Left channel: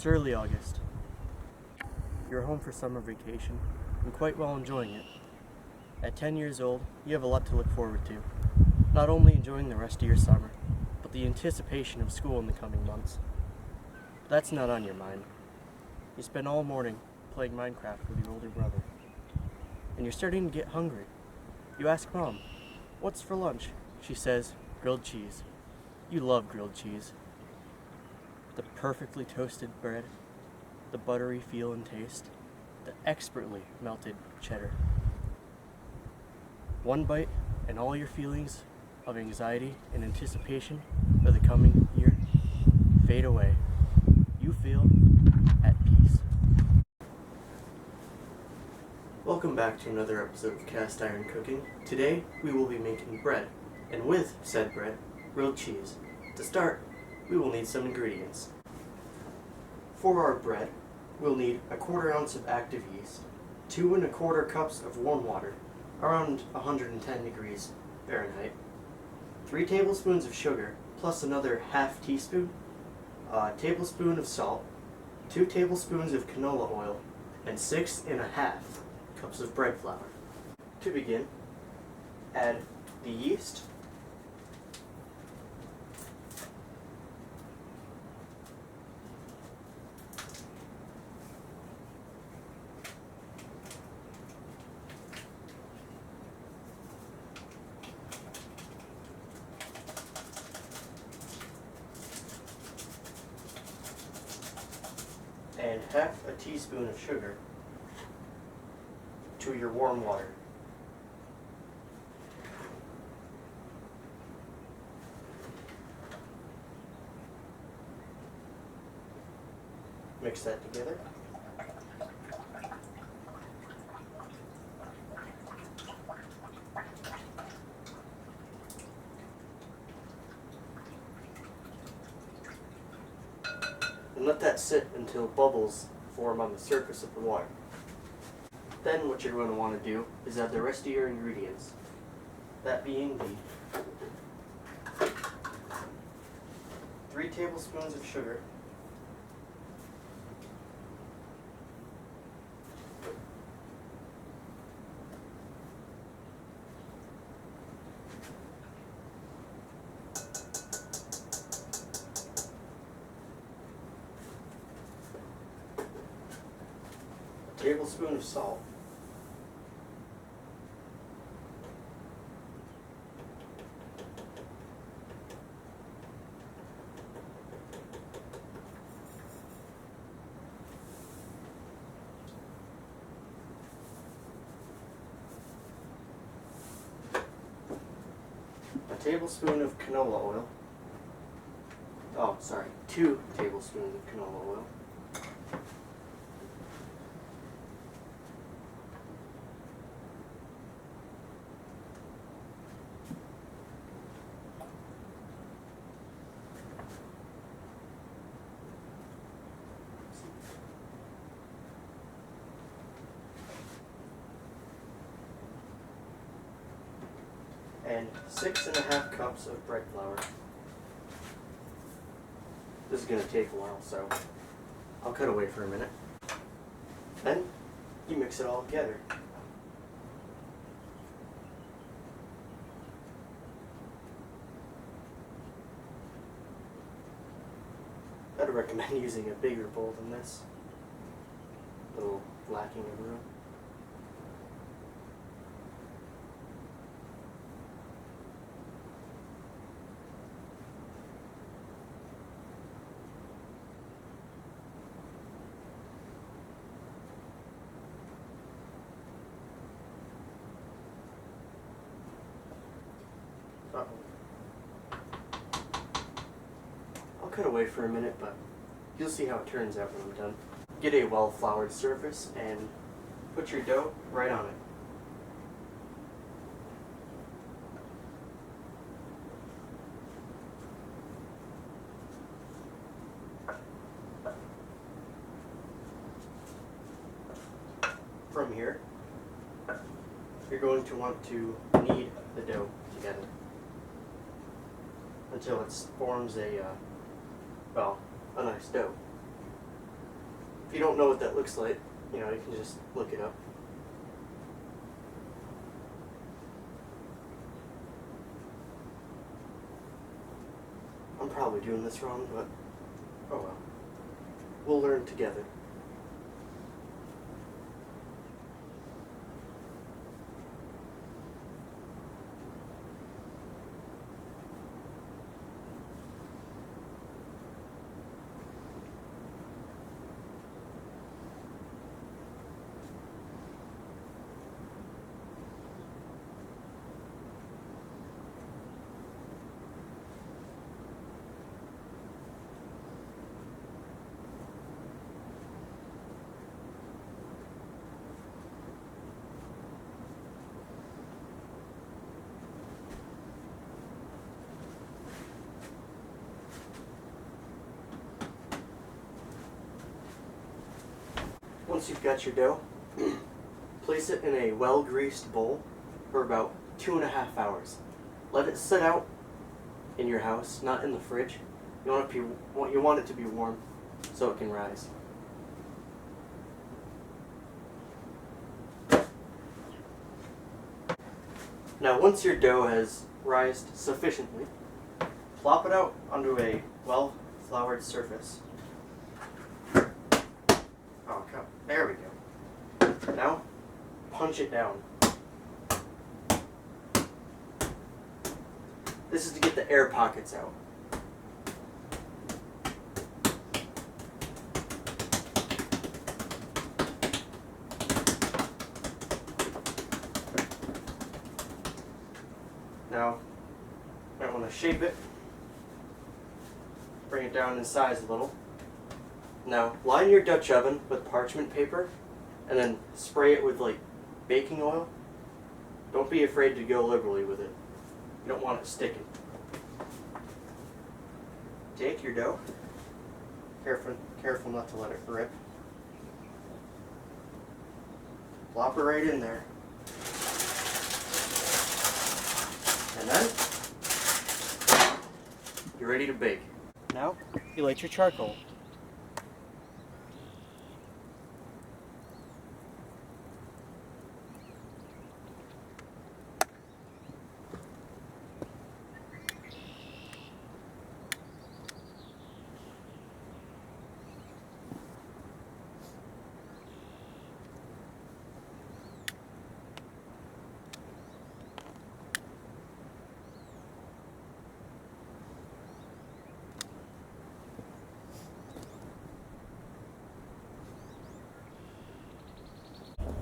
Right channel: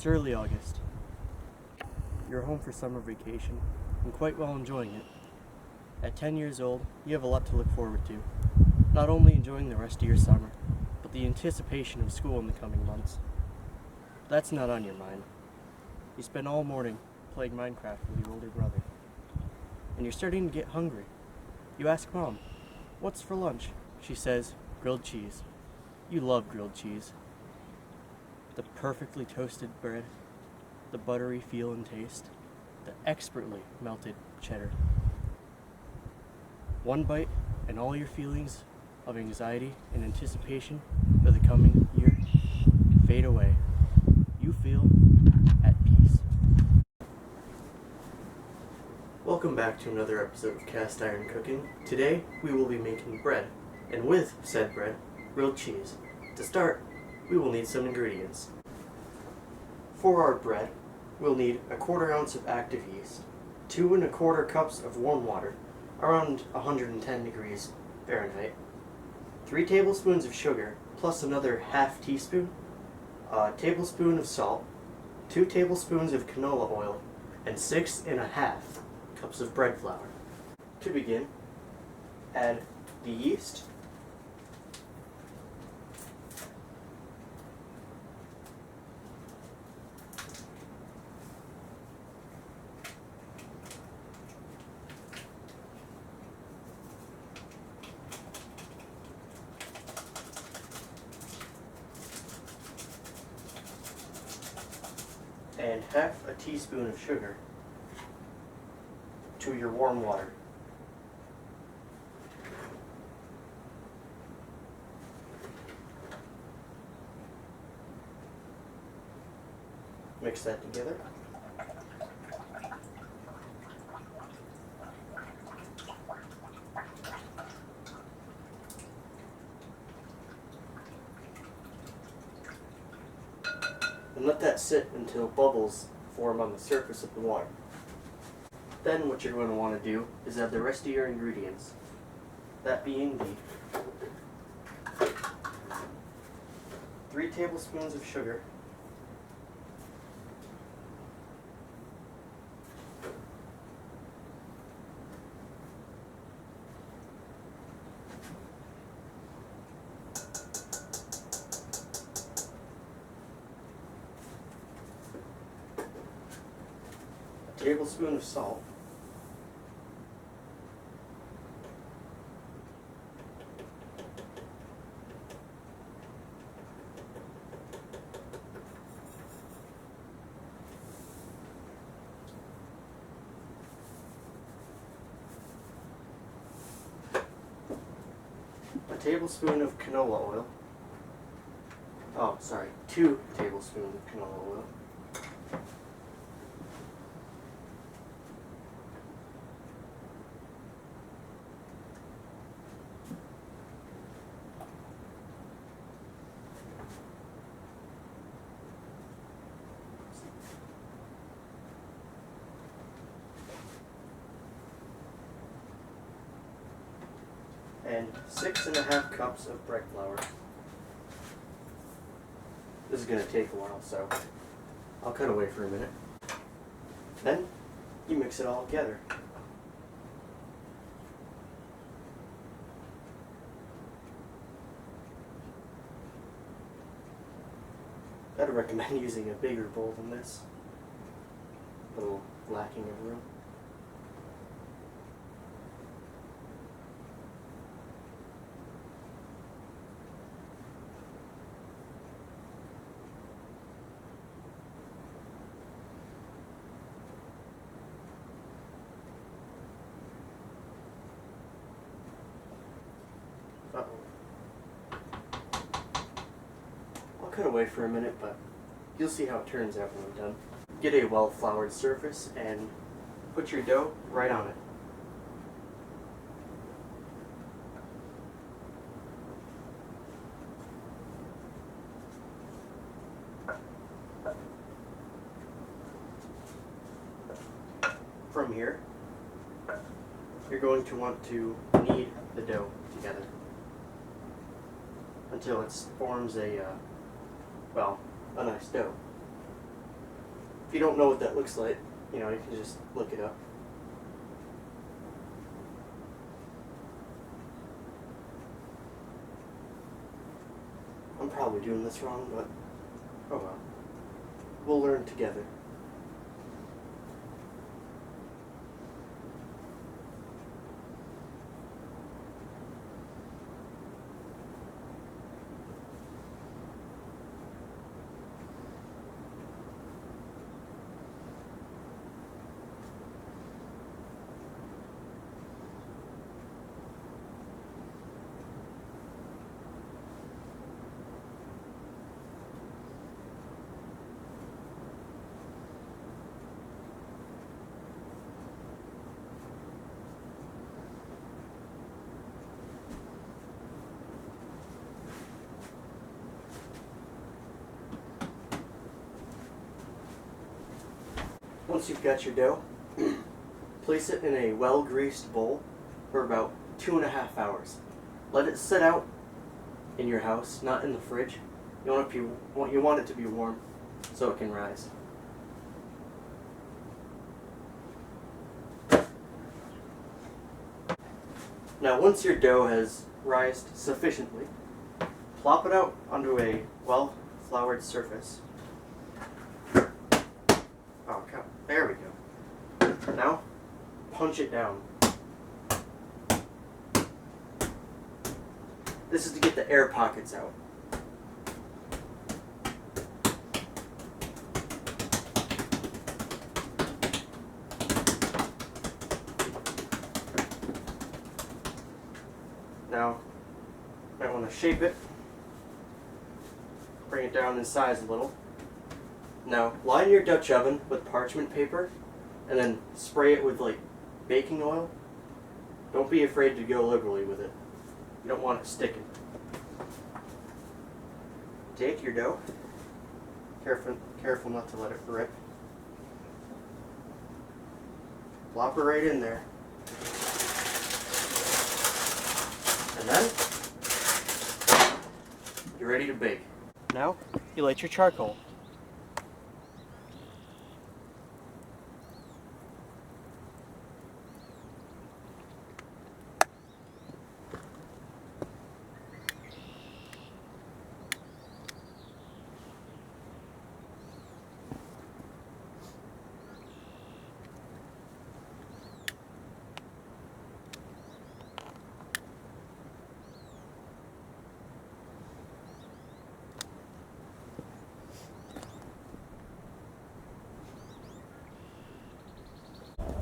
It's early August. You're home for summer vacation and quite well enjoying it. At 10 years old, you have a lot to look forward to. Not only enjoying the rest of your summer, but the anticipation of school in the coming months. But that's not on your mind. You spend all morning playing Minecraft with your older brother. And you're starting to get hungry. You ask Mom, "What's for lunch?" She says, "Grilled cheese." You love grilled cheese. The perfectly toasted bread, the buttery feel and taste, the expertly melted cheddar. One bite and all your feelings of anxiety and anticipation for the coming year fade away. You feel at peace. Welcome back to another episode of Cast Iron Cooking. Today we will be making bread, and with said bread, grilled cheese. To start, we will need some ingredients. For our bread, we'll need a 1/4 ounce of active yeast, 2 1/4 cups of warm water, around 110 degrees Fahrenheit, 3 tablespoons of sugar, plus another half teaspoon, a tablespoon of salt, 2 tablespoons of canola oil, and 6 1/2 cups of bread flour. To begin, add the yeast, and half a teaspoon of sugar to your warm water. Mix that together. And let that sit until bubbles form on the surface of the water. Then what you're going to want to do is add the rest of your ingredients. That being the 3 tablespoons of sugar, a tablespoon of salt, a tablespoon of canola oil. 2 tablespoons of canola oil. And 6 1/2 cups of bread flour. This is going to take a while, so I'll cut away for a minute. Then you mix it all together. I'd recommend using a bigger bowl than this. A little lacking of room. I'll cut away for a minute, but you'll see how it turns out when I'm done. Get a well-floured surface and put your dough right on it. From here, you're going to want to knead the dough together until it forms a nice dough. If you don't know what that looks like, you can just look it up. I'm probably doing this wrong, but oh well. We'll learn together. Once you've got your dough, place it in a well-greased bowl for about 2.5 hours. Let it sit out in your house, not in the fridge. You want it to be warm so it can rise. Now once your dough has rised sufficiently, plop it out onto a well-floured surface. Oh, God. There we go. Now, punch it down. This is to get the air pockets out. Now, you might want to shape it, bring it down in size a little. Now, line your Dutch oven with parchment paper and then spray it with baking oil. Don't be afraid to go liberally with it. You don't want it sticking. Take your dough. Careful not to let it rip. Plop it right in there. And then you're ready to bake. Now, you light your charcoal.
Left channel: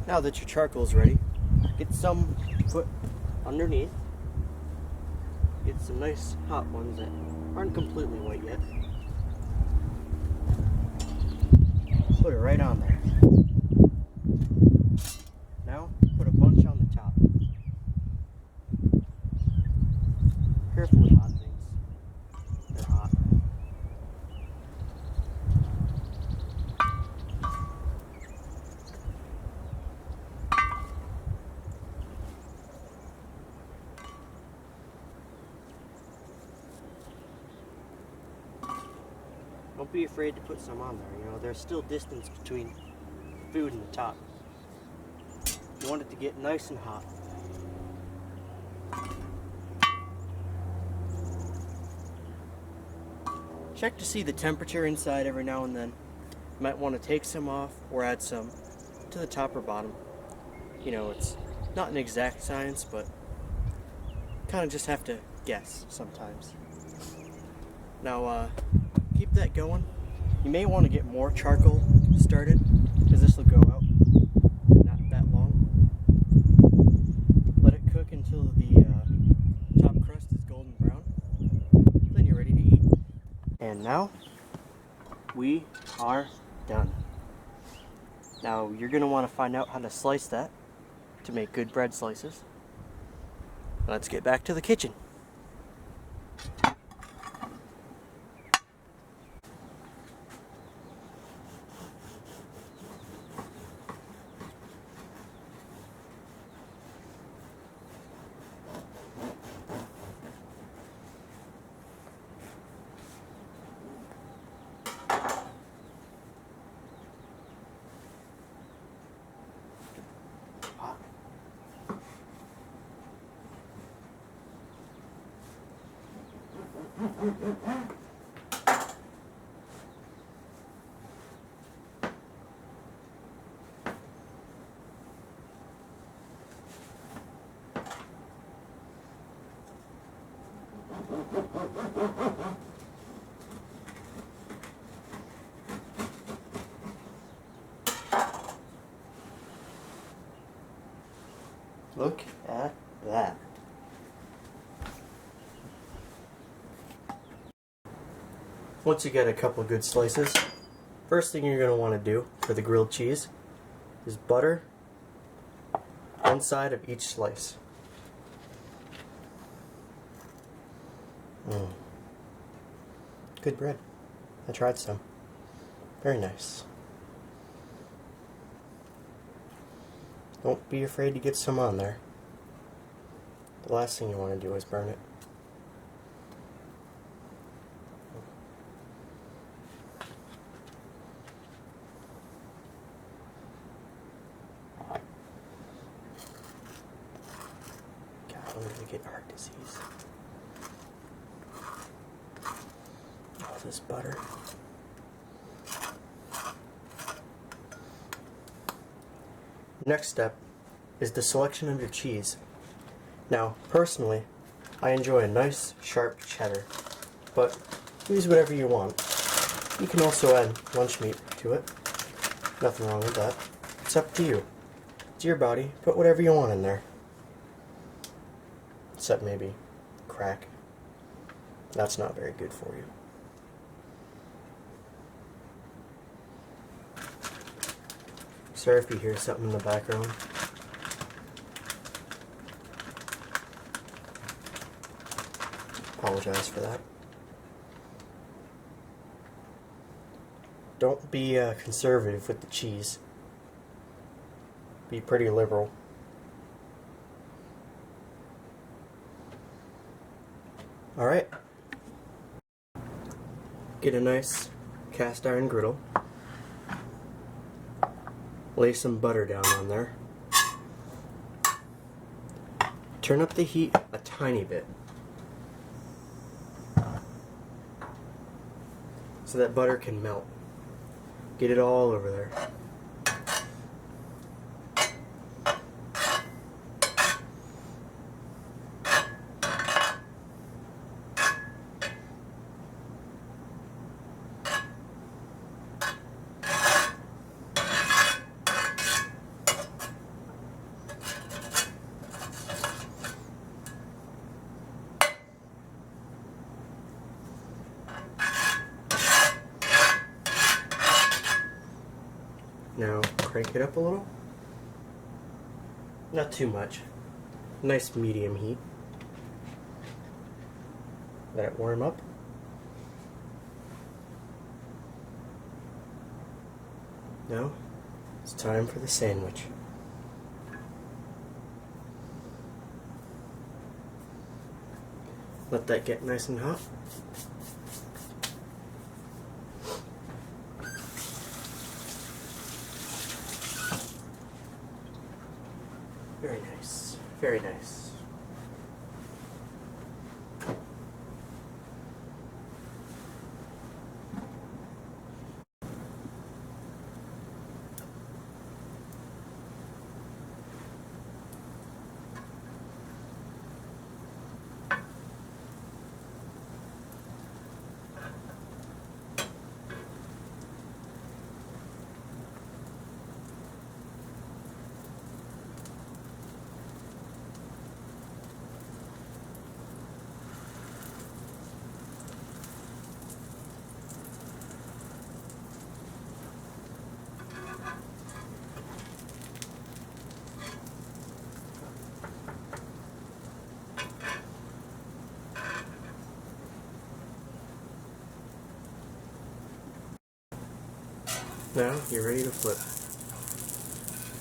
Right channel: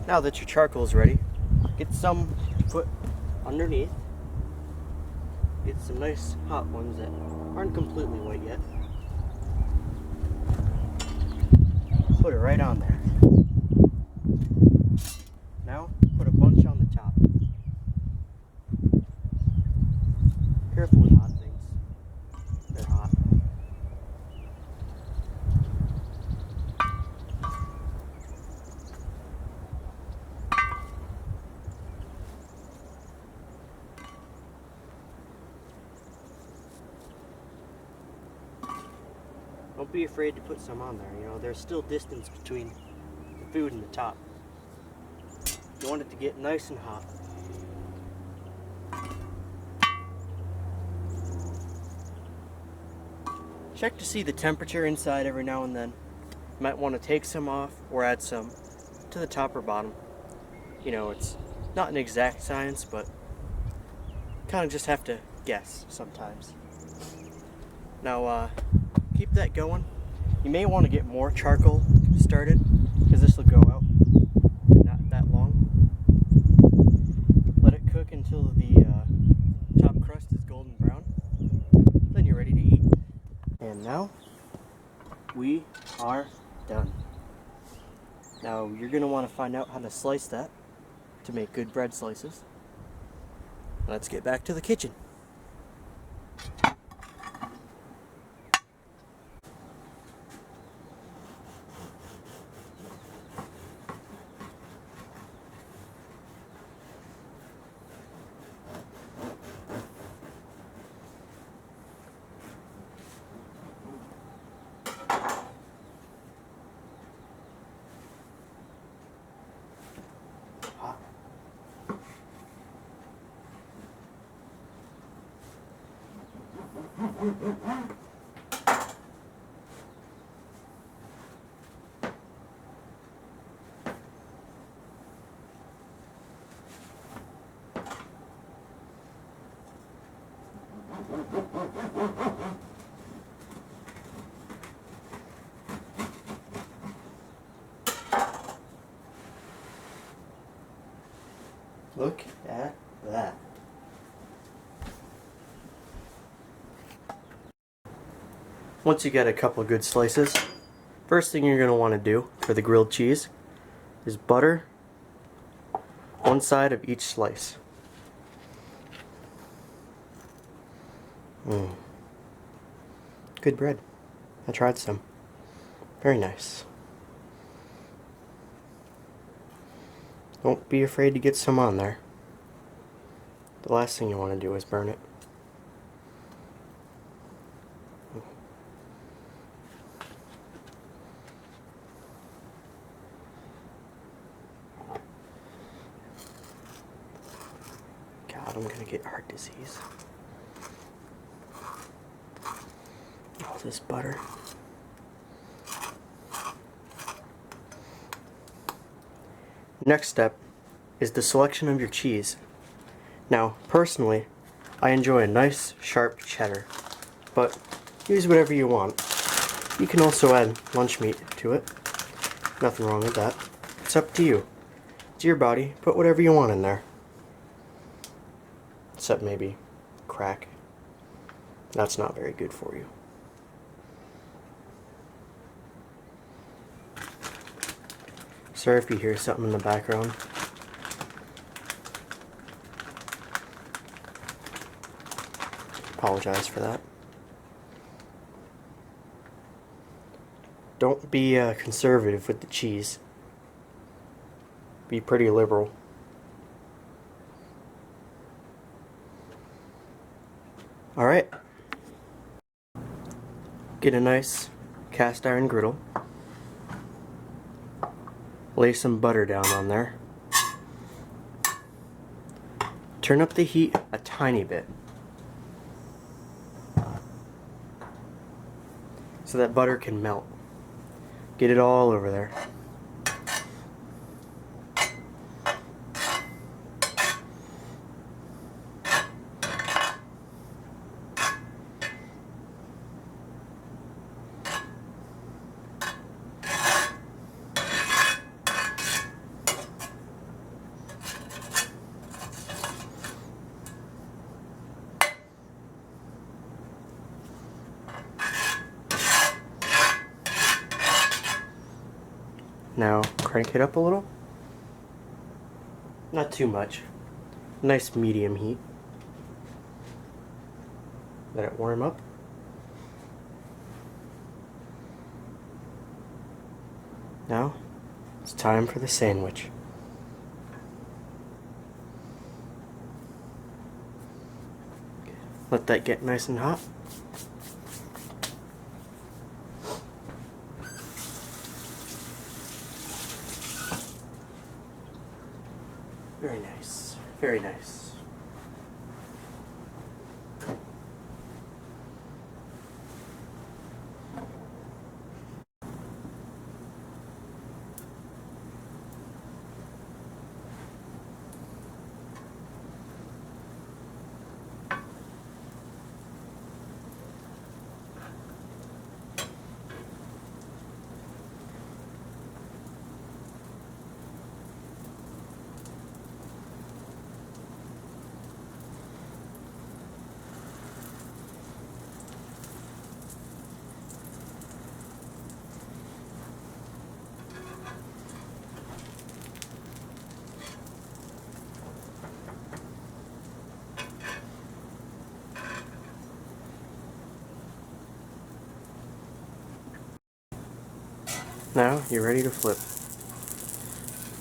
Now that your charcoal is ready, get some to put underneath. Get some nice hot ones that aren't completely white yet. Put it right on there. Now, put a bunch on the top. Careful with hot things. They're hot. Don't be afraid to put some on there. There's still distance between the food and the top. You want it to get nice and hot. Check to see the temperature inside every now and then. You might want to take some off or add some to the top or bottom. It's not an exact science, but kind of just have to guess sometimes. Now, keep that going. You may want to get more charcoal started because this will go out in not that long. Let it cook until the top crust is golden brown. Then you're ready to eat. And now we are done. Now you're going to want to find out how to slice that to make good bread slices. Let's get back to the kitchen. Look at that. Once you get a couple good slices, first thing you're going to want to do for the grilled cheese is butter one side of each slice. Good bread. I tried some. Very nice. Don't be afraid to get some on there. The last thing you want to do is burn it. God, I'm gonna get heart disease. All this butter. Next step is the selection of your cheese. Now, personally, I enjoy a nice, sharp cheddar, but use whatever you want. You can also add lunch meat to it. Nothing wrong with that. It's up to you. It's your body. Put whatever you want in there. Except maybe crack. That's not very good for you. Sorry if you hear something in the background. Apologize for that. Don't be conservative with the cheese. Be pretty liberal. Alright. Get a nice cast iron griddle. Lay some butter down on there. Turn up the heat a tiny bit so that butter can melt. Get it all over there. Now crank it up a little. Not too much. Nice medium heat. Let it warm up. Now it's time for the sandwich. Let that get nice and hot. Very nice. Very nice. Now you're ready to flip.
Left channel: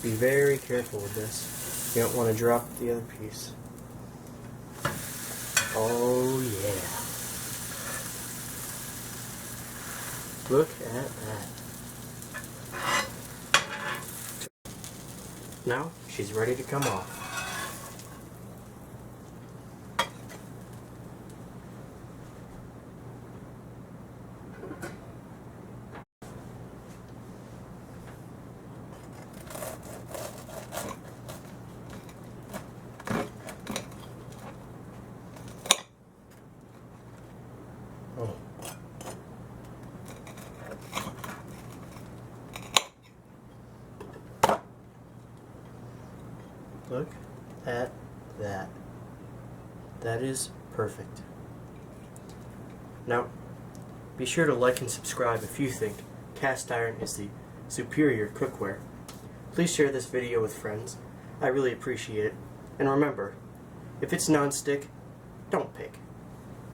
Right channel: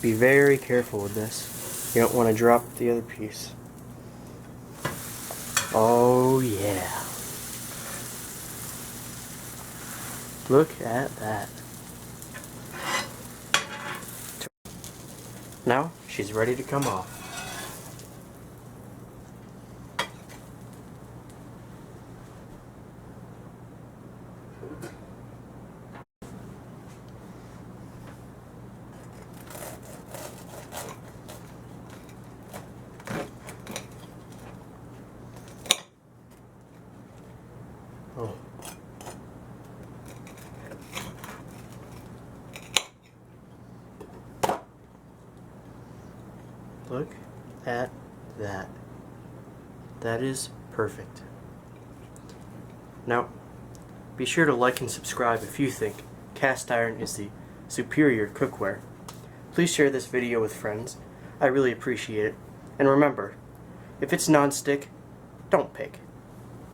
Be very careful with this. You don't want to drop the other piece. Oh yeah. Look at that. Now she's ready to come off. Look at that. That is perfect. Now, be sure to like and subscribe if you think cast iron is the superior cookware. Please share this video with friends. I really appreciate it. And remember, if it's non-stick, don't pick.